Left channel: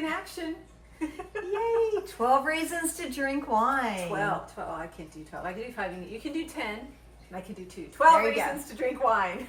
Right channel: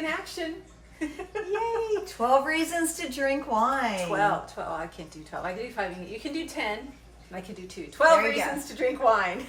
in action. Yay! 12 reasons to drink wine. 12. I can't do 12. I can do 5. You can do 10. And I can do 2. 12 reasons to drink wine.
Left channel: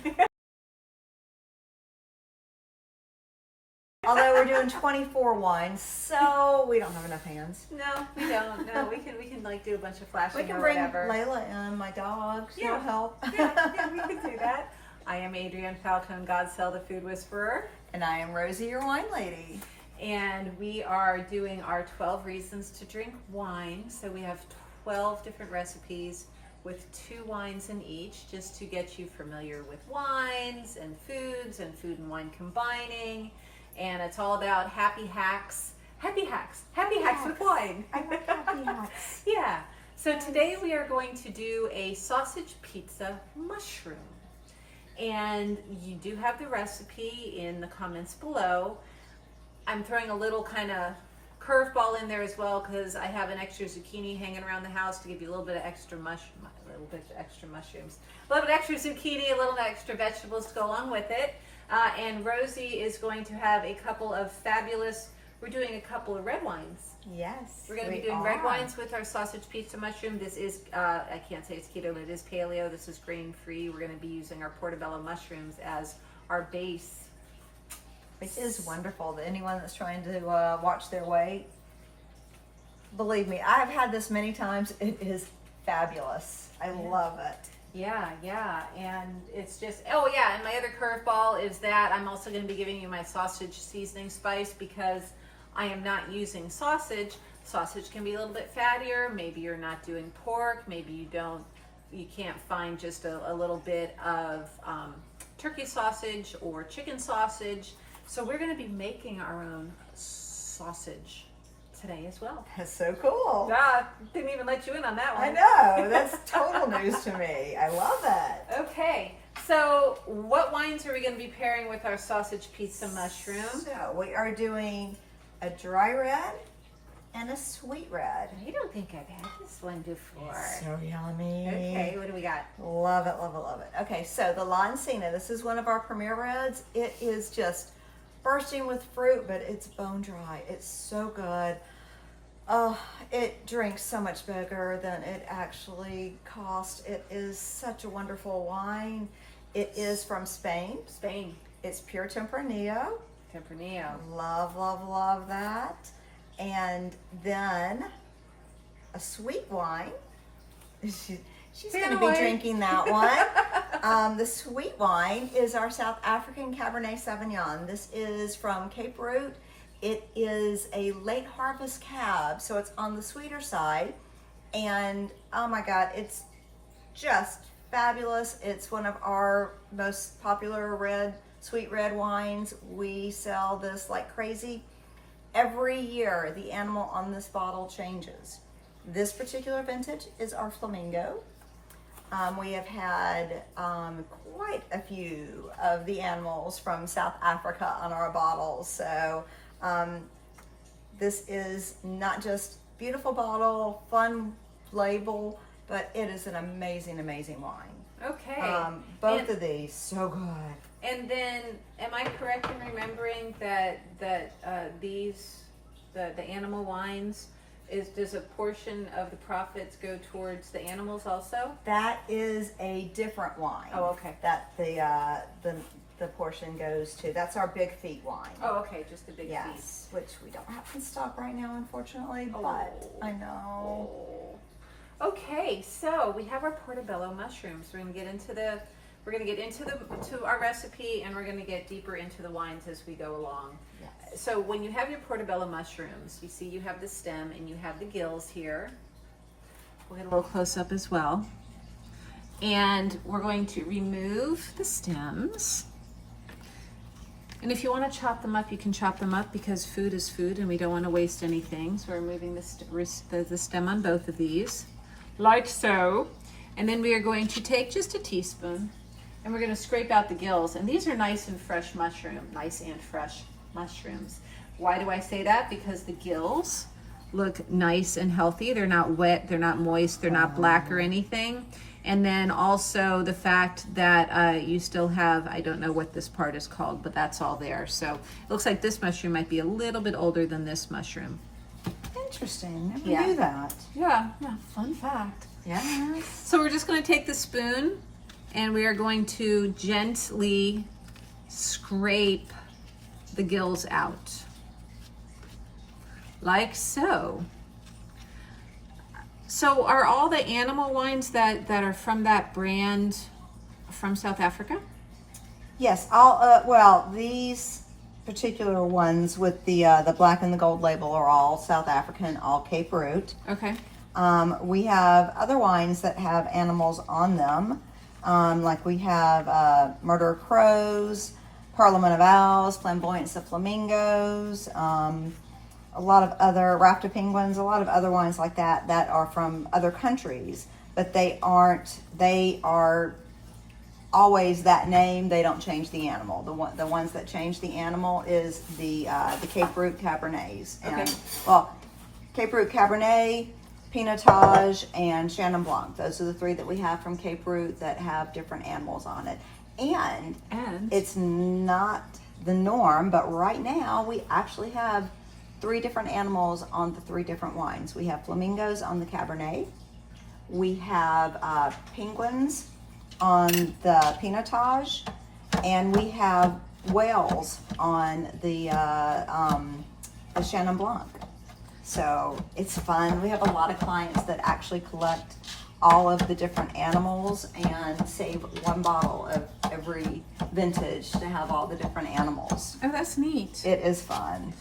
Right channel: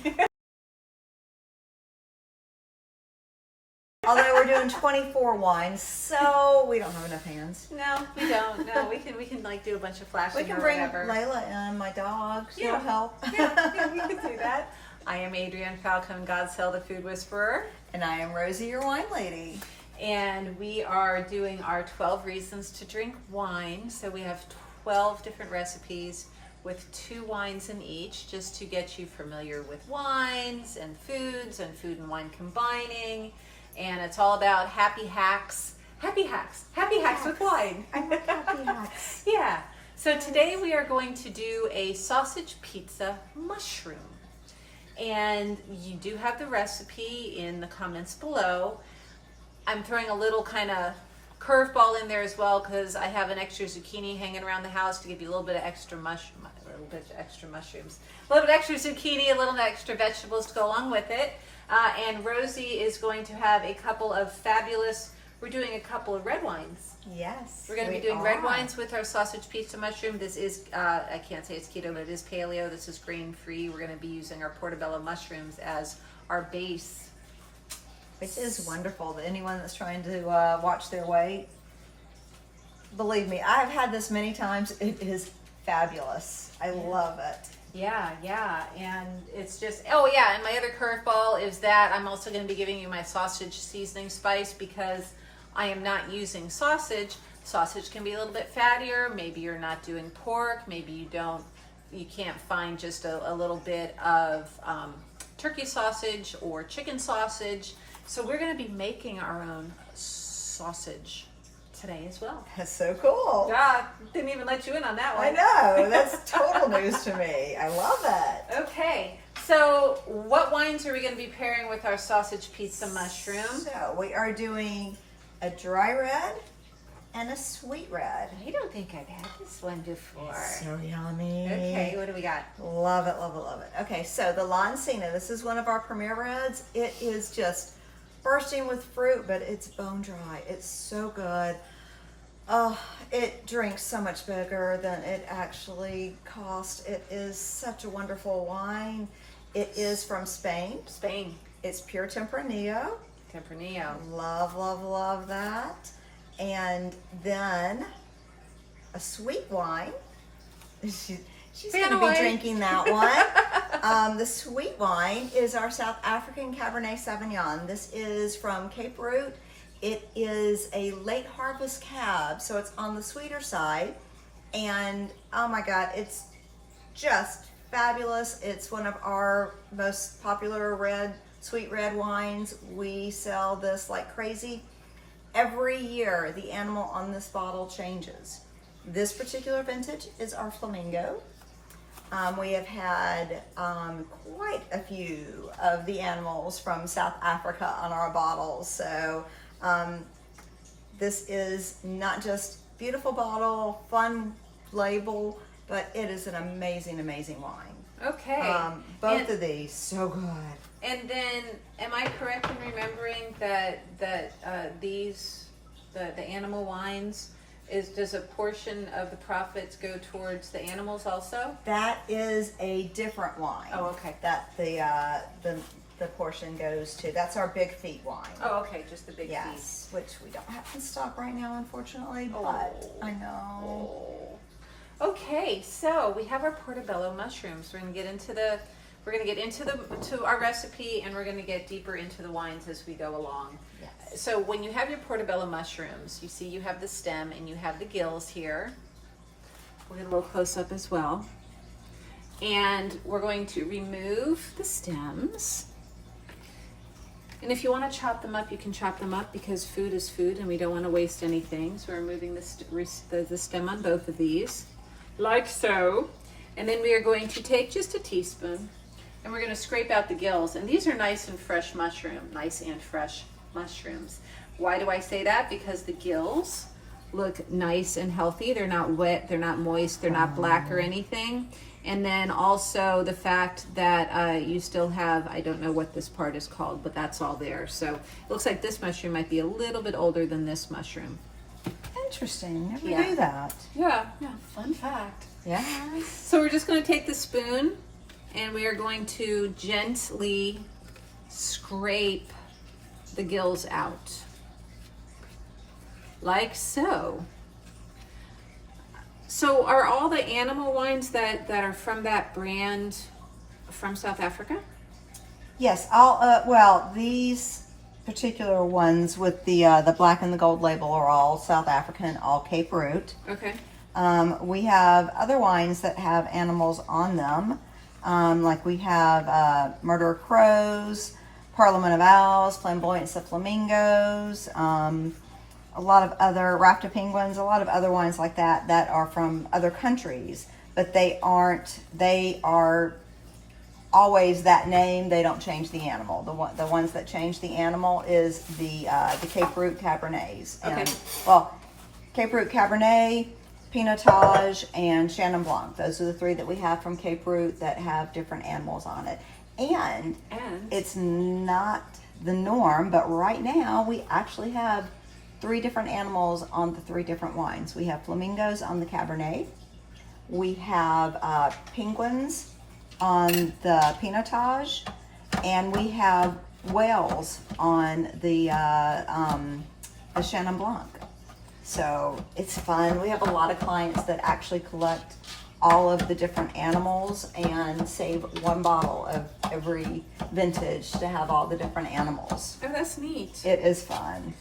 Although we're doing 24 wines, so we don't have enough hands. No, we don't. No, we can like do a bunch of flashing. We can bring Layla and my dog. She'll help. Yeah, we can do that. I am Adrienne Falcone, Godsell, the Food Whisperer. And I am Rosie, your wine lady. And we are doing our 12 reasons to drink wine. So we have 12 different recipes with 2 wines in each, just to get you familiar with wines and food and wine combining. And it's all about happy hacks with wine. I like happy hacks. Yeah. So today we are going to do a sausage pizza mushroom. And you do have the recipe in the comments below. I'm throwing a little kind of curveball in there as well because I have an extra zucchini hanging around the house to give you a little bit of extra mushrooms, a little bit of extra zucchini, a little extra vegetables to go along with it. And Rosie is going to have a couple of we're doing a couple of red wines. Yes. We're going to be doing red wines with our sausage pizza mushroom. This is, I can't say it's keto, but it is paleo. This is grain free. We're going to be using our portobello mushrooms as our base. Which is wonderful. Anyone that's trying to watch their weight, believe me, I've had this many times. It is fabulous. I love it. Yeah, and it's just, oh yeah, and my other curveball is that I'm also going to be giving you my sausage seasoning spice because I am not using sausage. Sausage can be a little bit fattier. Maybe you're not doing pork. Maybe you can't find just a little bit of turkey sausage or chicken sausage. So we're going to be making our own sausage today as well. That's so cool. Yeah, didn't even let you in on that one. I know. That's total news to me. I love it. Okay. So what wines are we going to be pairing with our sausage pizza mushroom? So we are doing a dry red and a sweet red. I don't think I've had this one before. It's so yummy. Okay, what do we got? Love it, love it, love it. Okay, so the Lancina, this is one of our premier reds. It is just bursting with fruit, but it's bone dry. It's so good. It drinks so much bigger than it actually costs. It is such a wonderful wine. It is from Spain. It's pure Tempranillo. Love, love, love that. And then a sweet wine. She's going to be drinking that one. The sweet wine is our South African Cabernet Sauvignon. This is from Cape Root. It is a late harvest cab, so it's on the sweeter side. And oh my God, it's just fabulous. It's one of our most popular sweet red wines. We sell this like crazy. Every year, the animal on this bottle changes. This particular vintage is our Flamingo. We have had quite a few of the animals from South Africa on our bottles. So this is not just beautiful bottle, fun label, but it is an amazing, amazing wine. Okay. Both of these, so good. And then, am I correct in remembering that the animal wines, does a portion of the profits go towards the animals also? That is a different wine. Oh, okay. That the portion goes to. That's our Big Feet wine. Oh, okay, just the big feet. Yes, which we don't have in stock right now, unfortunately. But I know. Okay, so we have our portobello mushrooms. We're gonna get into our recipe, and we're gonna get deeper into the wines as we go along. Yes. So when you have your portobello mushrooms, you see you have the stem and you have the gills here. We'll get a little close up as well. And we're going to remove the stems. And if you want to chop them up, you can chop them up because food is food and we don't want to waste anything. So we're removing the stem on both of these, like so. And then we are going to take just a teaspoon and we're going to scrape out the gills. And these are nice and fresh mushrooms. Why do I say that? Because the gills look nice and healthy. They're not wet, they're not moist, they're not black or anything. And then also the fact that you still have, I don't know what this part is called, but that's all there. So it looks like this mushroom might be a little bit older than this mushroom. Interesting. Never Yeah. knew that. Yeah, fun fact. Yes. So we're just going to take the spoon and we are going to gently scrape the gills out. Like so. So are all the animal wines that are from that brand from South Africa? Yes. All. Well, these particular ones with the black and the gold label are all South African, all Cape Root. Okay. We have other wines that have animals on them. Like we have Murder of Crows, Parliament of Owls, Flamboyance of Flamingos, a lot of other Raft of Penguins, a lot of other wines like that that are from other countries, but they are always that name. They don't change the animal. The ones that change the animal is the Cape Root Cabernets. Okay. Well, Cape Root Cabernet, Pinotage, and Chenin Blanc. Those are the three that we have from Cape Root that have different animals on it. And it's not the norm, but right now we actually have 3 different animals on the 3 different wines. We have flamingos on the Cabernet. We have penguins on the Pinotage, and we have whales on the Chenin Blanc. So it's fun. We have a lot of clients that actually collect all of the different animals and save 1 bottle of every vintage to have all the different animals. Oh, that's neat. It is fun.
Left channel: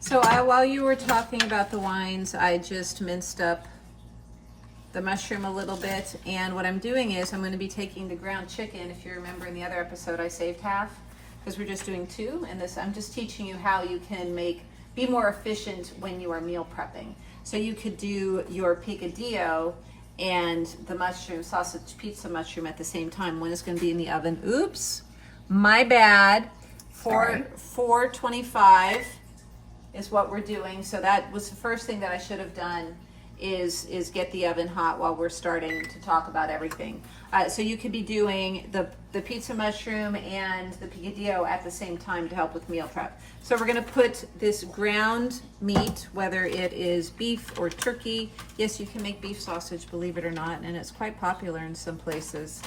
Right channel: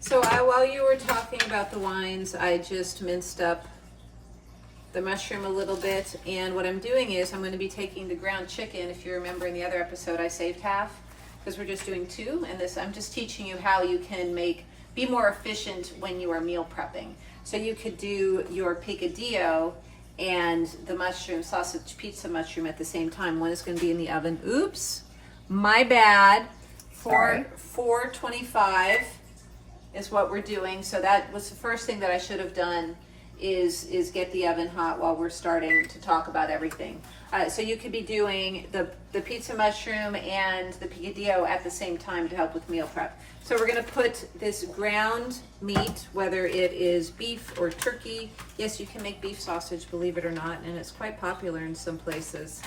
So while you were talking about the wines, I just minced up the mushroom a little bit. And what I'm doing is I'm going to be taking the ground chicken. If you remember in the other episode, I saved half because we're just doing 2. And this, I'm just teaching you how you can be more efficient when you are meal prepping. So you could do your picadillo and the mushroom, sausage pizza mushroom at the same time. One is going to be in the oven. Oops, my bad. 425 is what we're doing. So that was the first thing that I should have done is get the oven hot while we're starting to talk about everything. So you could be doing the pizza mushroom and the picadillo at the same time to help with meal prep. So we're going to put this ground meat, whether it is beef or turkey. Yes, you can make beef sausage, believe it or not, and it's quite popular in some places.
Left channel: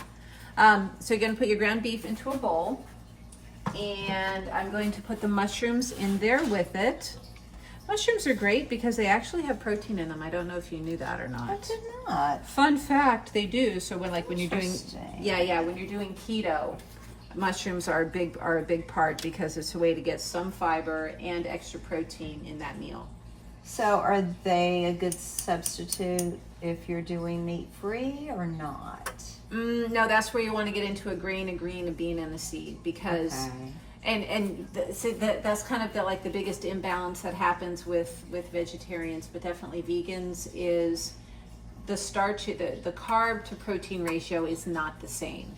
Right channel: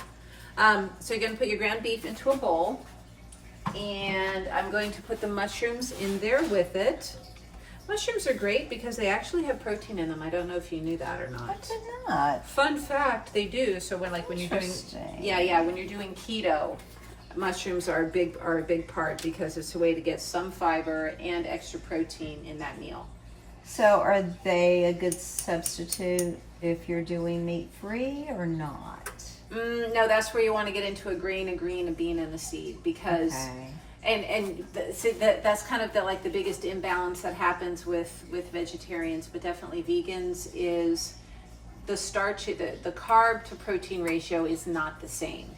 So you're going to put your ground beef into a bowl, and I'm going to put the mushrooms in there with it. Mushrooms are great because they actually have protein in them. I don't know if you knew that or not. I did not. Fun fact, they do. So when when you're doing when you're doing keto, mushrooms are a big part because it's a way to get some fiber and extra protein in that meal. So are they a good substitute if you're doing meat free or not? No, that's where you want to get into a grain, a green, a bean, and a seed because. Okay. See, that's kind of the biggest imbalance that happens with vegetarians, but definitely vegans, is the starch, the carb to protein ratio is not the same.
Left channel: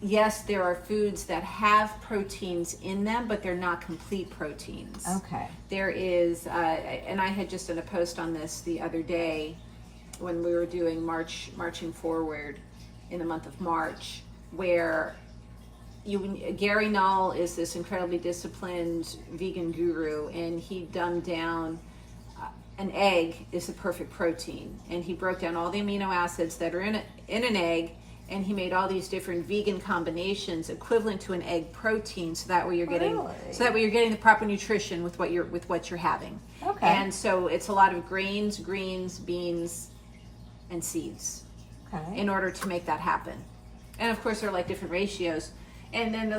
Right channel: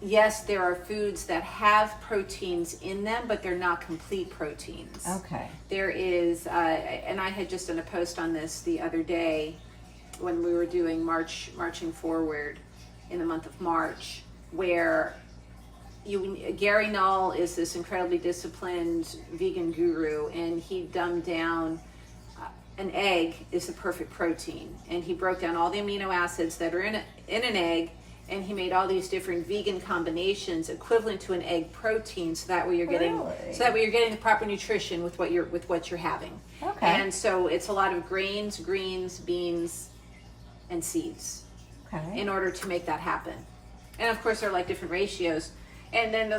Yes, there are foods that have proteins in them, but they're not complete proteins. Okay. There is, and I had just done a post on this the other day when we were doing marching forward in the month of March, where Gary Null is this incredibly disciplined vegan guru, and he dumbed down an egg is the perfect protein, and he broke down all the amino acids that are in an egg, and he made all these different vegan combinations equivalent to an egg protein, so that way you're getting the proper nutrition with what you're having. Okay. And so it's a lot of grains, greens, beans, and seeds. Okay. In order to make that happen. And of course, there are different ratios. And then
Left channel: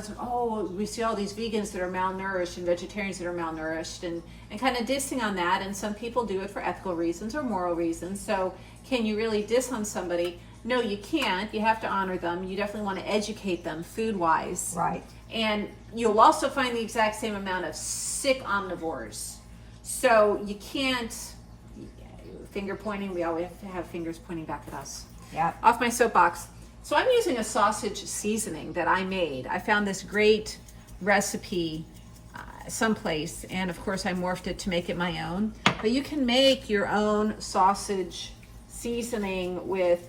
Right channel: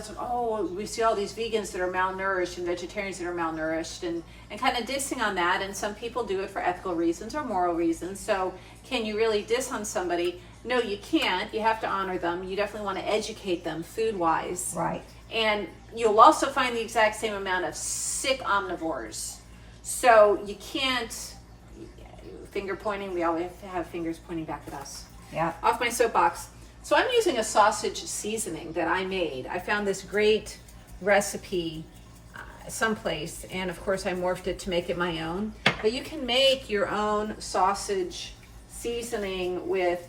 we see all these vegans that are malnourished and vegetarians that are malnourished, and kind of dissing on that. And some people do it for ethical reasons or moral reasons. So can you really diss on somebody? No, you can't. You have to honor them. You definitely want to educate them food-wise. Right. And you'll also find the exact same amount of sick omnivores. So you can't, finger pointing, we always have to have fingers pointing back at us. Yeah. Off my soapbox. So I'm using a sausage seasoning that I made. I found this great recipe someplace, and of course I morphed it to make it my own. But you can make your own sausage seasoning with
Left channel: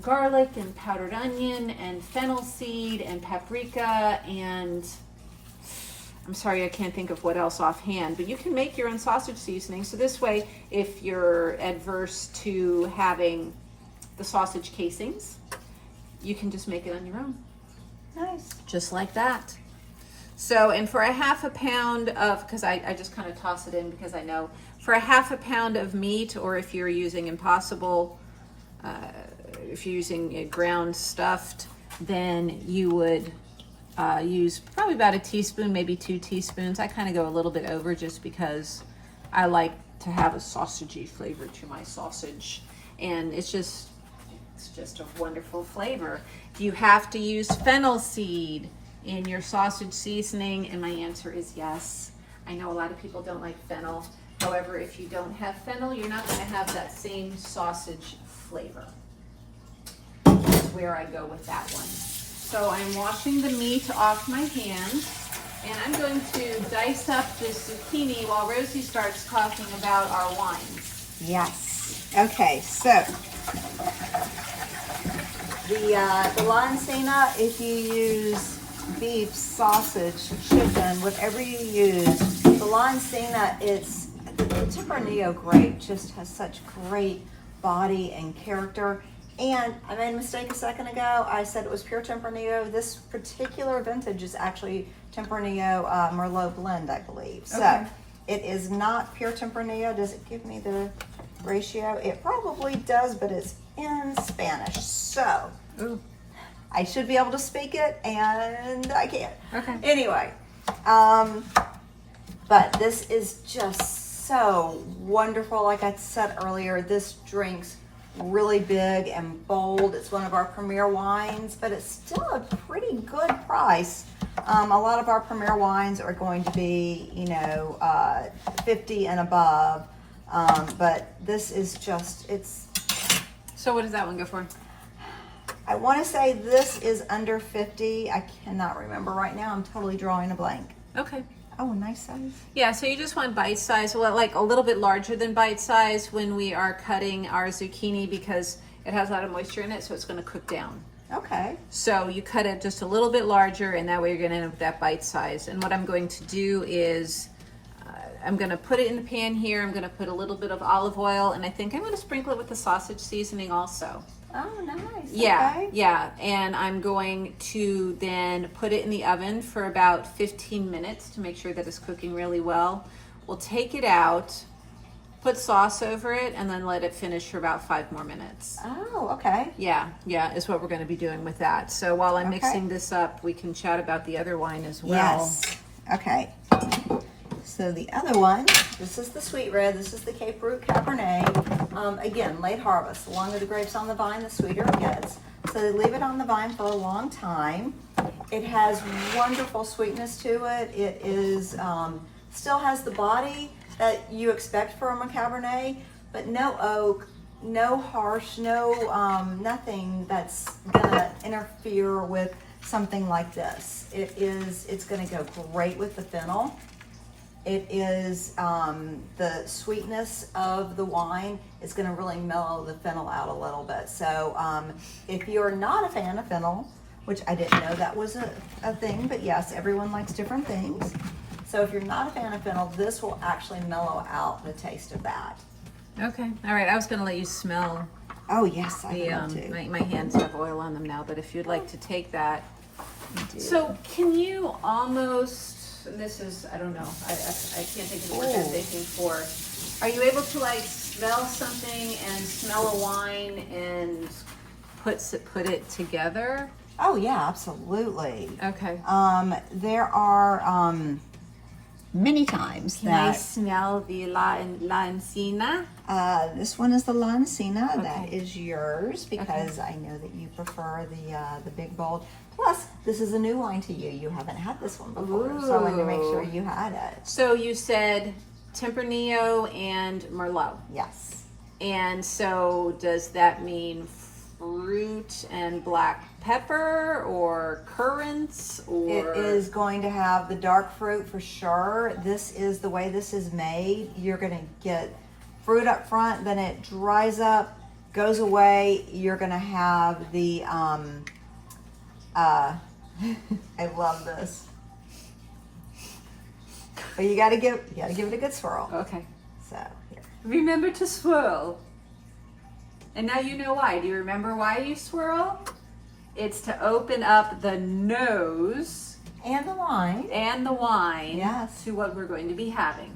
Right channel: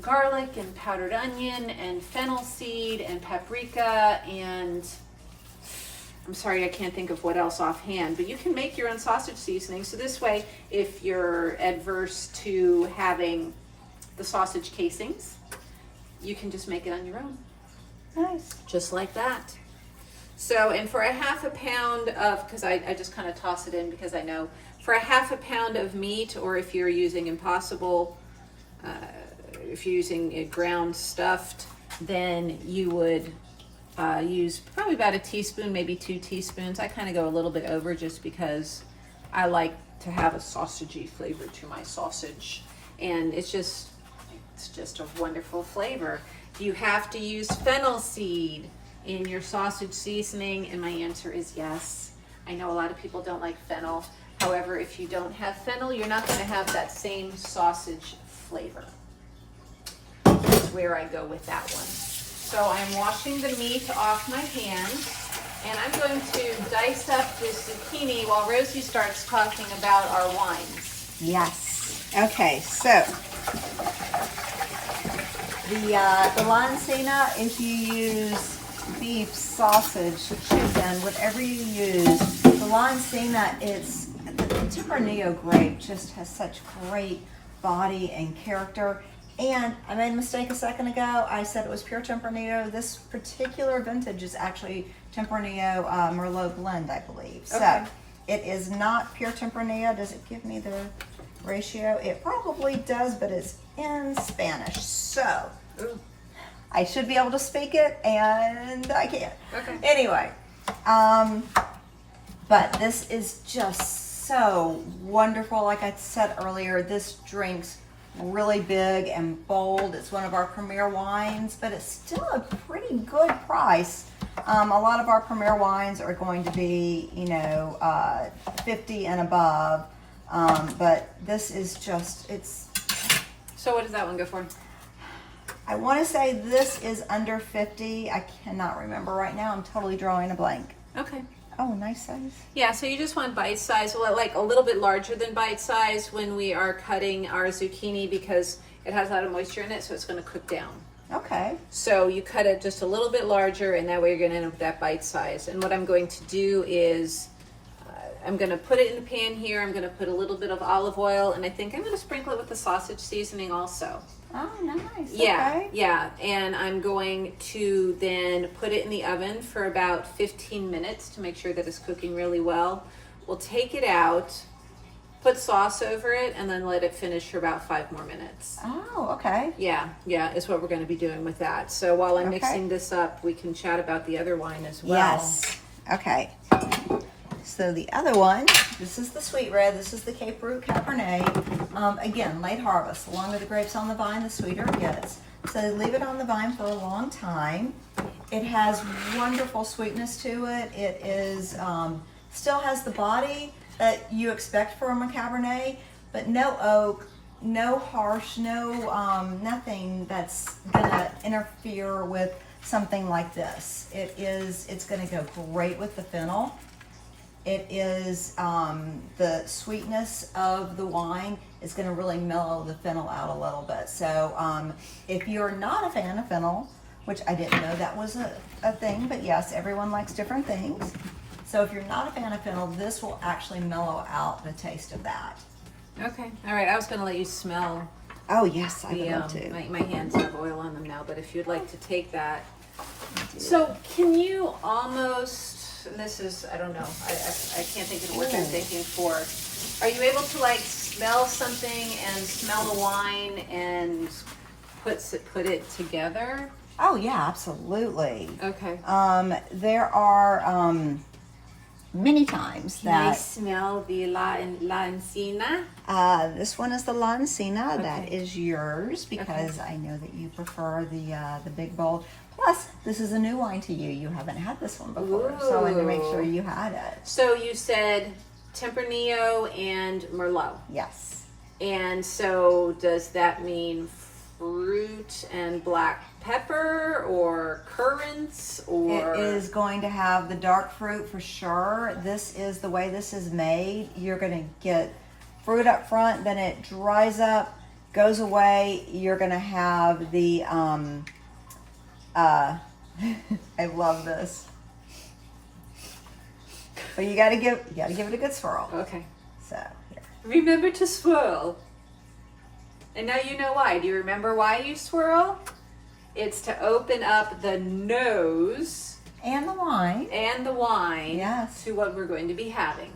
garlic and powdered onion and fennel seed and paprika and I'm sorry, I can't think of what else offhand, but you can make your own sausage seasoning. So this way, if you're adverse to having the sausage casings, you can just make it on your own. Nice. Just like that. So, and for a half a pound of, because I just kind of toss it in because I know, for a half a pound of meat, or if you're using Impossible, if you're using it ground stuffed, then you would use probably about a teaspoon, maybe 2 teaspoons. I kind of go a little bit over just because I like to have a sausagey flavor to my sausage, and it's just a wonderful flavor. Do you have to use fennel seed in your sausage seasoning? And my answer is yes. I know a lot of people don't like fennel. However, if you don't have fennel, you're not going to have that same sausage flavor. That's where I go with that one. So I'm washing the meat off my hand, and I'm going to dice up this zucchini while Rosie starts talking about our wines. Yes. Okay, so the Lancina, if you use beef, sausage, chicken, whatever you use, the Lancina, the Tempranillo grape just has such great body and character. And I made a mistake a second ago. I said it was pure Tempranillo. This particular vintage is actually Tempranillo Merlot blend, I believe. So Okay. it is not pure Tempranillo. Does it give me the ratio? It probably does, but it's in Spanish. So Ooh. I should be able to speak it, and I can't. Okay. Anyway, but this is just so wonderful. Like I said earlier, this drink's really big and bold. It's one of our premier wines, but it's still a pretty good price. A lot of our premier wines are going to be, 50 and above, but this is just, So what does that one go for? I want to say this is under 50. I cannot remember right now. I'm totally drawing a blank. Okay. Oh, nice size. Yeah, so you just want bite size, well, like a little bit larger than bite size when we are cutting our zucchini because it has a lot of moisture in it, so it's going to cook down. Okay. So you cut it just a little bit larger, and that way you're going to end up with that bite size. And what I'm going to do is I'm going to put it in the pan here. I'm going to put a little bit of olive oil, and I think I'm going to sprinkle it with the sausage seasoning also. Oh, nice. Yeah, Okay. yeah, and I'm going to then put it in the oven for about 15 minutes to make sure that it's cooking really well. We'll take it out, put sauce over it, and then let it finish for about 5 more minutes. Oh, okay. Yeah, is what we're going to be doing with that. So while I'm Okay. mixing this up, we can chat about the other wine as well. Yes. Okay. So the other one, this is the sweet red. This is the Cape Root Cabernet. Again, late harvest. The longer the grapes on the vine, the sweeter it gets. So they leave it on the vine for a long time. It has wonderful sweetness to it. It is still has the body that you expect from a Cabernet, but no oak, no harsh, no nothing that's gonna interfere with something like this. It's gonna go great with the fennel. It is the sweetness of the wine is going to really mellow the fennel out a little bit. So if you're not a fan of fennel, which I didn't know that was a thing, but yes, everyone likes different things. So if you're not a fan of fennel, this will actually mellow out the taste of that. Okay, all right. I was going to let you smell Oh yes, I the, would love to. my hands have oil on them now, but if you'd like to take that. So can you almost, this is, I don't know, I can't think of the word I'm thinking for. Are you able to like smell something and smell a wine and put it together? Oh yeah, absolutely. Okay. There are many times Can I that smell the la encina? this one is the Lancina. Okay. That is yours because I know that you prefer the big bold. Plus, this is a new wine to you. You haven't had this one before, so I wanted to make sure you had it. So you said Tempranillo and Merlot. Yes. And so does that mean fruit and black pepper or currants or? It is going to have the dark fruit for sure. This is the way this is made. You're going to get fruit up front, then it dries up goes away, you're gonna have the I love this. But you gotta give it a good swirl. Okay. So here. Remember to swirl. And now you know why. Do you remember why you swirl? It's to open up the nose And the wine. and the wine Yes. to what we're going to be having.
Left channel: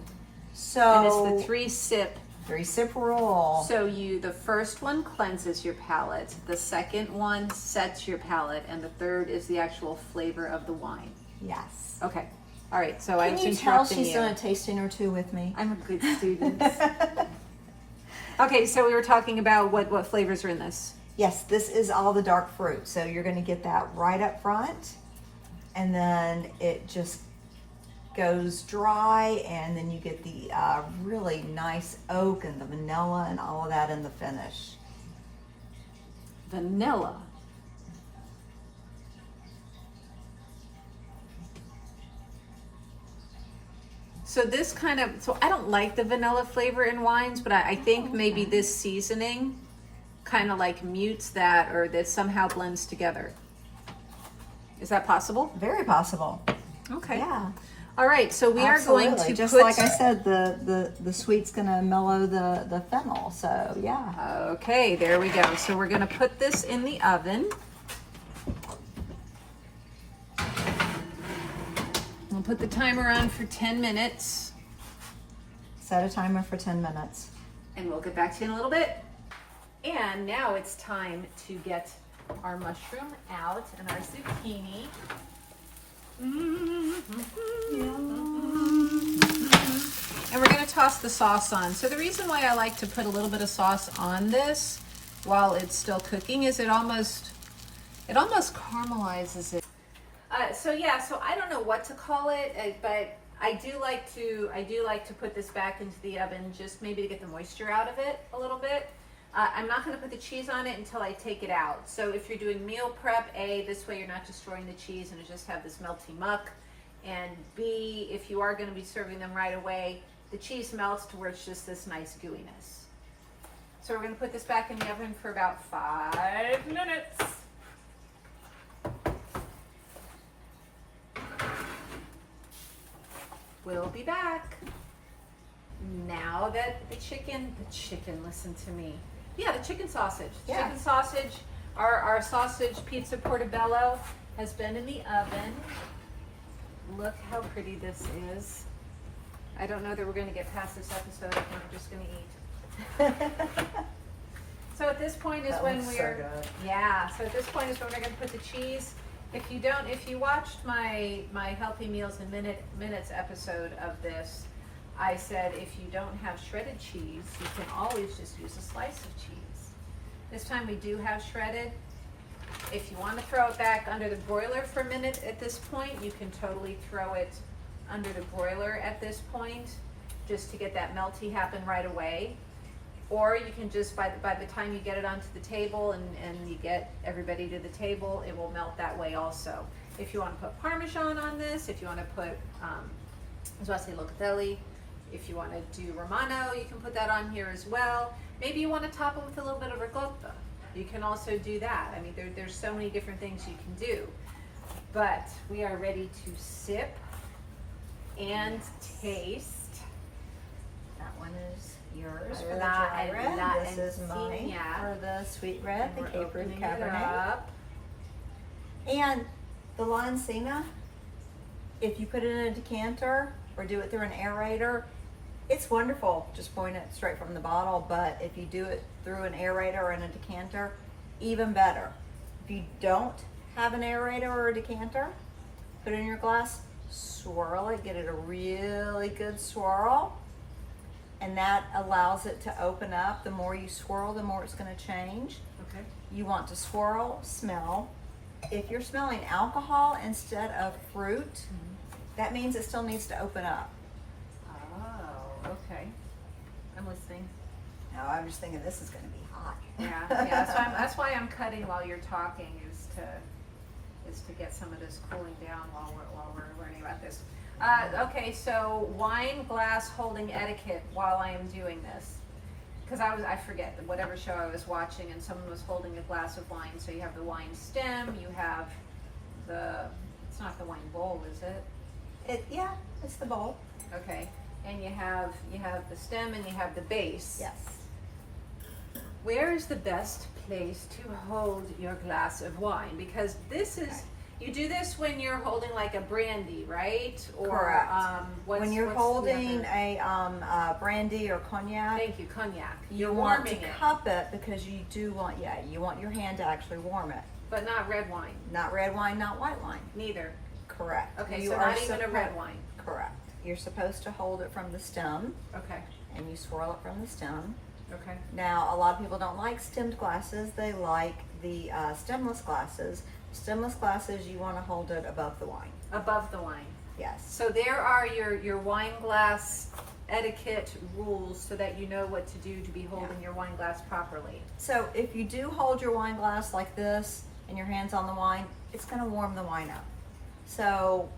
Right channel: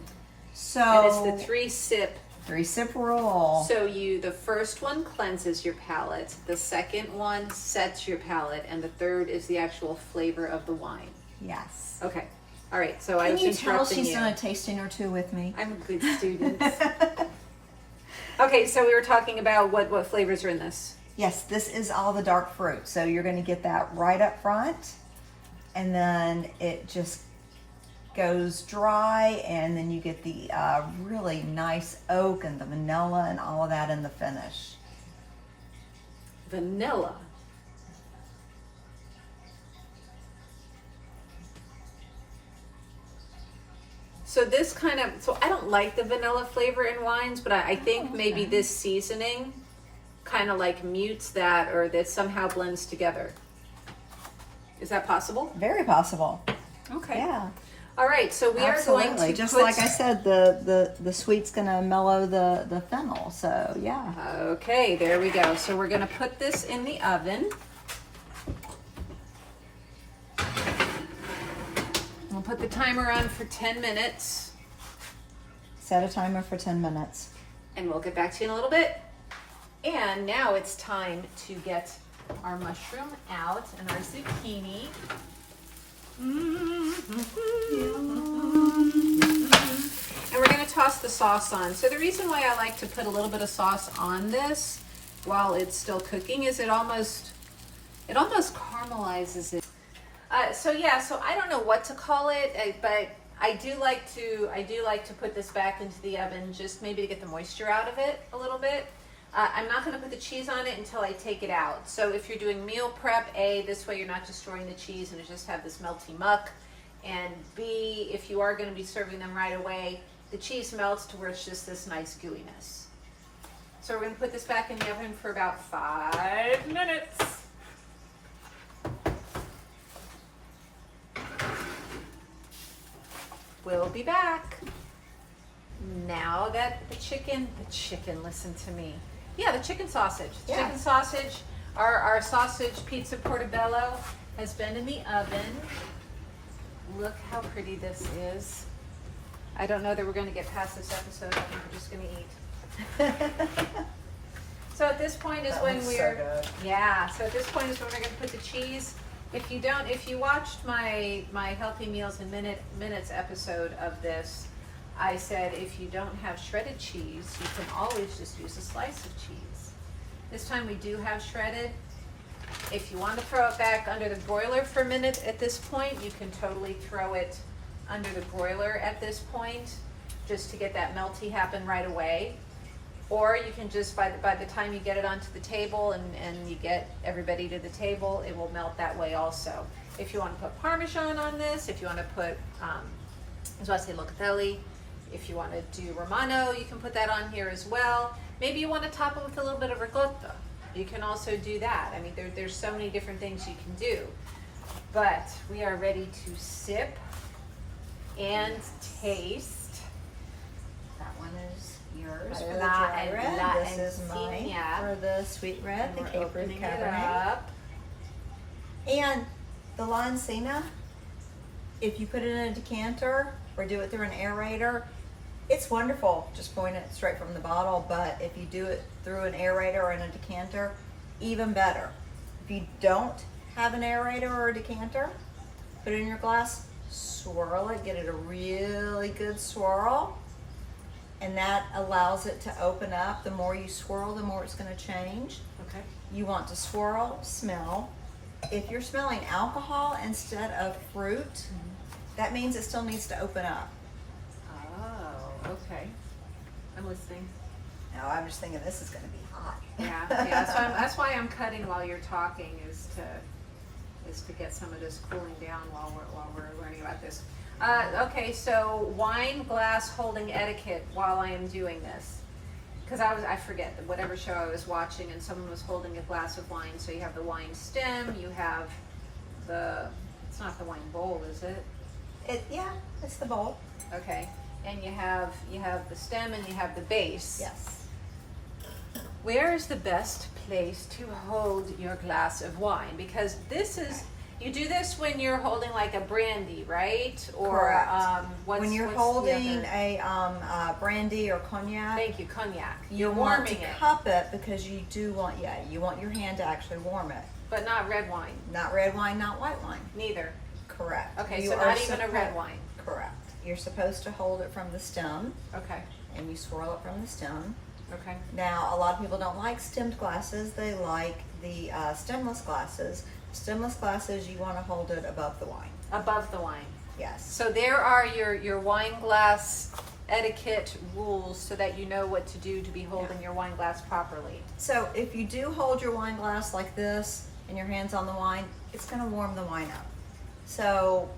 So And it's the 3-sip. 3-sip rule. So the first one cleanses your palate, the second one sets your palate, and the third is the actual flavor of the wine. Yes. Okay. All right. So I Can was you tell interrupting she's you. doing a tasting or two with me? I'm a good student. Okay, so we were talking about what flavors are in this. Yes, this is all the dark fruit. So you're going to get that right up front, and then it just goes dry, and then you get the really nice oak and the vanilla and all of that in the finish. Vanilla. So I don't like the vanilla flavor in wines, but I think maybe this seasoning kind of like mutes that, or that somehow blends together. Is that possible? Very possible. Okay. Yeah. All right, so we are going Absolutely. to Just put, like I said, the sweet's gonna mellow the fennel. So yeah. Okay, there we go. So we're gonna put this in the oven. We'll put the timer on for 10 minutes, Set a timer for 10 minutes. and we'll get back to you in a little bit. And now it's time to get our mushroom out and our zucchini. And we're going to toss the sauce on. So the reason why I like to put a little bit of sauce on this while it's still cooking is it almost caramelizes it. So I don't know what to call it, but I do like to put this back into the oven just maybe to get the moisture out of it a little bit. I'm not going to put the cheese on it until I take it out. So if you're doing meal prep, A, this way you're not destroying the cheese and you just have this melty muck. And B, if you are going to be serving them right away, the cheese melts to where it's just this nice gooiness. So we're going to put this back in the oven for about 5 minutes. We'll be back. Now that the chicken, listen to me. Yeah, the chicken sausage. Yeah. Chicken sausage, our sausage pizza portobello has been in the oven. Look how pretty this is. I don't know that we're going to get past this episode. I think we're just going to eat. So at this point is when we're, so at this point is when we're going to put the cheese. If you watched my Healthy Meals in Minutes episode of this, I said if you don't have shredded cheese, you can always just use a slice of cheese. This time we do have shredded. If you want to throw it back under the broiler for a minute at this point, you can totally throw it under the broiler at this point, just to get that melty happen right away. Or you can just, by the time you get it onto the table and you get everybody to the table, it will melt that way also. If you want to put Parmesan on this, if you want to put, locatelli, if you want to do Romano, you can put that on here as well. Maybe you want to top it with a little bit of ricotta. You can also do that. I mean, there's so many different things you can do. But we are ready to sip and taste. That one is yours for the dry red. This is mine for the sweet red, the Cape Root Cabernet. And the Lancina, if you put it in a decanter or do it through an aerator, it's wonderful. Just pouring it straight from the bottle. But if you do it through an aerator or in a decanter, even better. If you don't have an aerator or a decanter, put it in your glass, swirl it, get it a really good swirl. And that allows it to open up. The more you swirl, the more it's going to change. Okay. You want to swirl, smell. If you're smelling alcohol instead of fruit, that means it still needs to open up. Oh, okay. I'm listening. Now I'm just thinking this is going to be hot. Yeah. That's why I'm cutting while you're talking, is to get some of this cooling down while we're learning about this. Okay, so wine glass holding etiquette while I am doing this. because I forget whatever show I was watching, and someone was holding a glass of wine. So you have the wine stem, you have it's not the wine bowl, is it? Yeah, it's the bowl. Okay, and you have the stem and you have the base. Yes. Where is the best place to hold your glass of wine? Because this is, you do this when you're holding like a brandy, right? Or Correct. When you're what's holding the a brandy or cognac, Thank you, cognac. you You're want warming to it, cup it because you do want, you want your hand to actually warm it. but not red wine. Not red wine, not white wine. Neither. Correct. Okay, You so are not even a red wine. Correct. You're supposed to hold it from the stem, Okay. and you swirl it from the stem. Okay. Now, a lot of people don't like stemmed glasses. They like the stemless glasses. Stemless glasses, you want to hold it above the wine. Above the wine. Yes. So there are your wine glass etiquette rules, so that you know what to do to be holding your wine glass properly. So if you do hold your wine glass like this and your hands on the wine, it's going to warm the wine up. So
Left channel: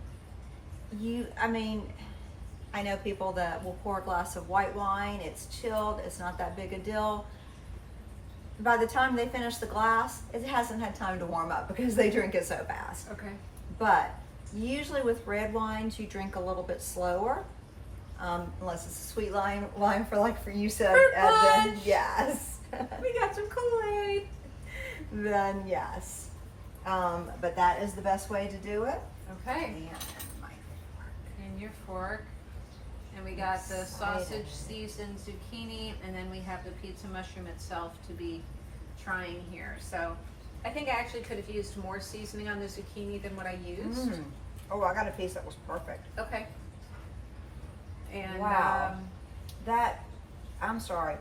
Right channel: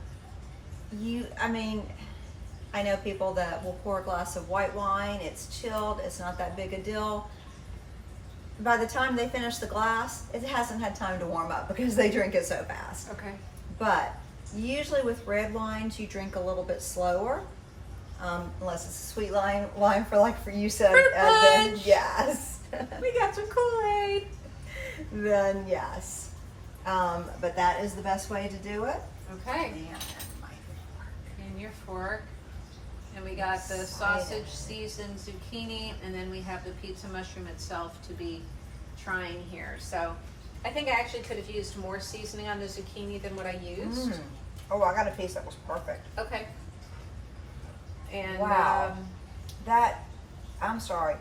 I know people that will pour a glass of white wine, it's chilled, it's not that big a deal. By the time they finish the glass, it hasn't had time to warm up because they drink it so fast. Okay. But usually with red wines, you drink a little bit slower, unless it's a sweet wine for you said. Fruit Then punch! yes. We got some Kool-Aid. Then yes. But that is the best way to do it. Okay. And my fork. And your fork. And we got the sausage seasoned zucchini, and then we have the pizza mushroom itself to be trying here. So I think I actually could have used more seasoning on the zucchini than what I used. Oh, I got a piece that was perfect. Okay. And Wow. I'm sorry.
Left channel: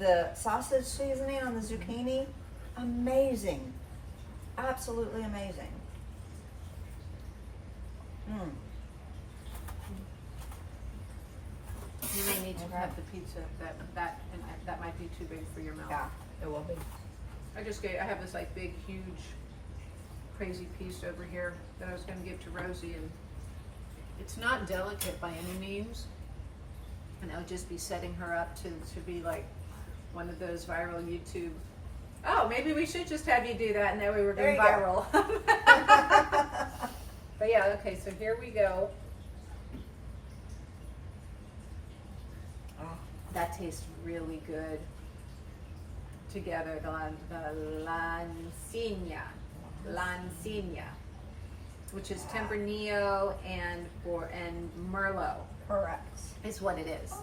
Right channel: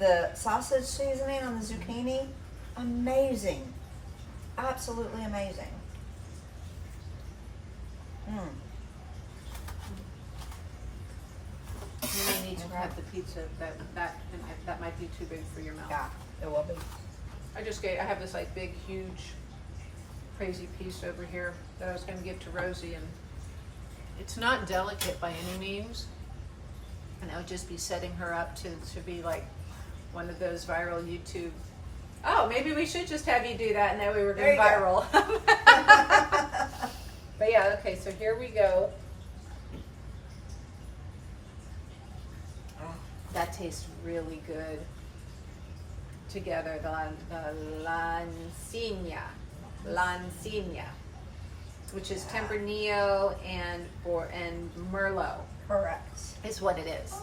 The sausage seasoning on the zucchini, amazing. Absolutely amazing. you may need to have the pizza. That might be too big for your mouth. Yeah, it will be. I have this like big, huge, crazy piece over here that I was going to give to Rosie, and it's not delicate by any means, and I would just be setting her up to be like one of those viral YouTube. Oh, maybe we should just have you do that, and that way we're There going you viral. But yeah, okay, so here we go. That tastes really good together. The lancina, which is Tempranillo and Merlot, Correct. is what it is.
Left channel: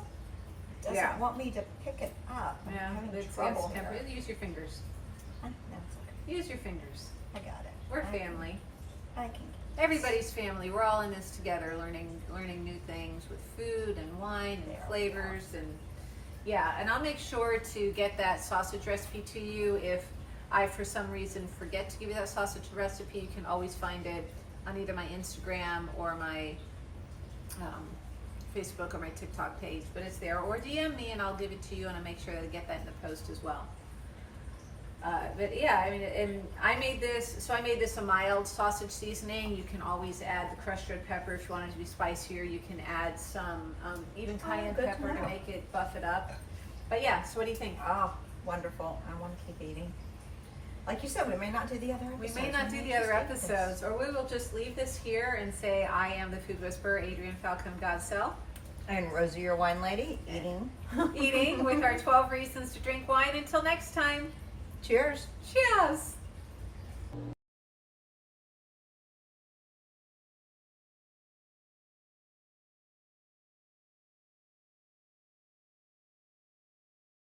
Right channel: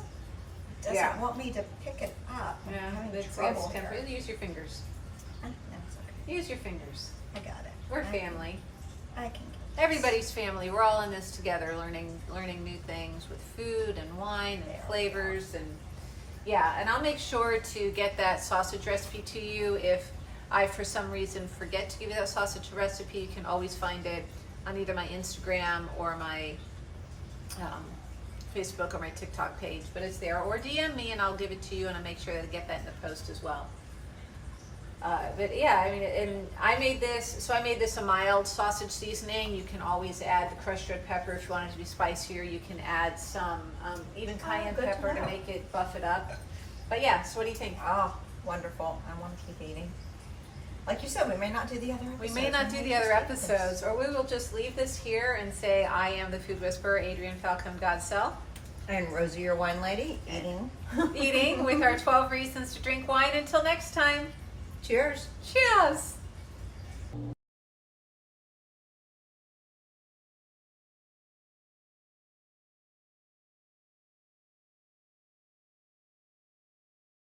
It doesn't want me to pick it up. I'm having trouble here. Use your fingers. No, it's okay. Use your fingers. I got it. We're family. I can. Everybody's family. We're all in this together, learning new things with food and wine and flavors and and I'll make sure to get that sausage recipe to you. If I for some reason forget to give you that sausage recipe, you can always find it on either my Instagram or my Facebook or my TikTok page, but it's there, or DM me and I'll give it to you, and I'll make sure to get that in the post as well. But yeah, I mean, and I made this a mild sausage seasoning. You can always add the crushed red pepper if you want it to be spicier. You can add some even cayenne pepper to make it buff it up. But yeah, so what do you think? Oh, wonderful. I want to keep eating. Like you said, we may not do the other episodes. We may not do the other episodes, or we will just leave this here and say, I am the food whisperer, Adrienne Falcone Godsell. And Rosie, your wine lady, Eating with our 12 reasons to drink wine. Until next time. Cheers. Cheers.